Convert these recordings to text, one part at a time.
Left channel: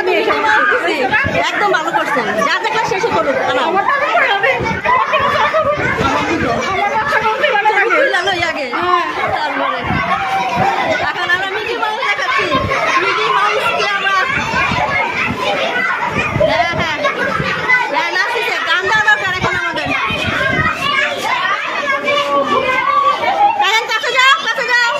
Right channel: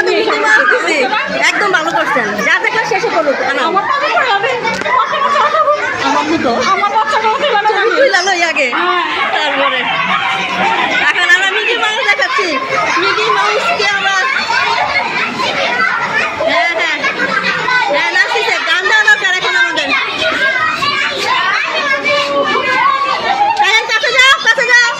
মধ্যে Mickey mouse দিছি। একদম ভালো করছেন, যা দেখলে শেষে করুক। আগে তারপরে এখন আমরা মিকি মাউস দেখাচ্ছি। মিকি মাউসকে আমরা হ্যাঁ হ্যাঁ হ্যাঁ নাচিছে, গান দেওয়া দরকার এখন আমাদের। কাছে যাও, কাছে যাও।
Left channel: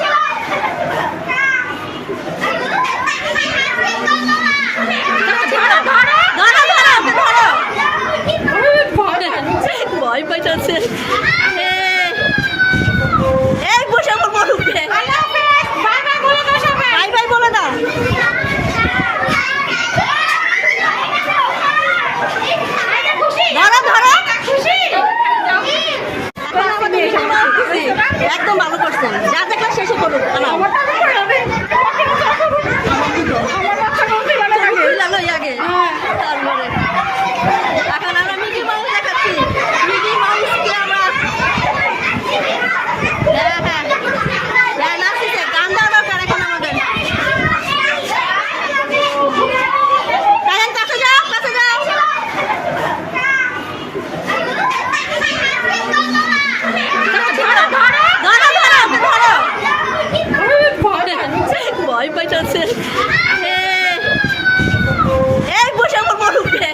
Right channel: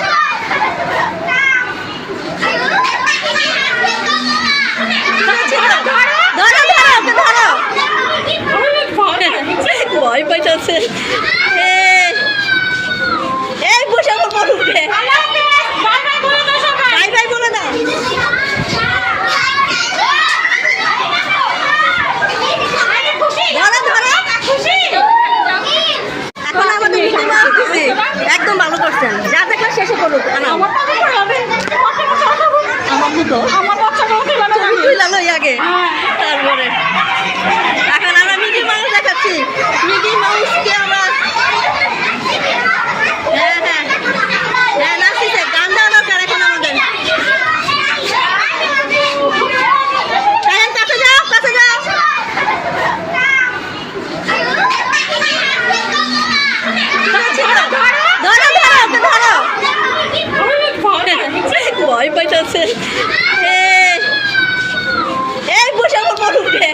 ভয় পাইতেছে, এই বসে আমার বড় উঠে বাই বাই বলে দাও। এখন আমাদের মিকি মাউস দিছি। একদম ভালো করছেন, যা দেখলে শেষে করুক। আগে তারপরে এখন আমরা মিকি মাউস দেখাচ্ছি। মিকি মাউসকে আমরা হ্যাঁ হ্যাঁ হ্যাঁ নাচিছে, গান দেওয়া দরকার এখন আমাদের। কাছে যাও, কাছে যাও। ভয় পাইতেছে, এই বসে আমার বড় উঠে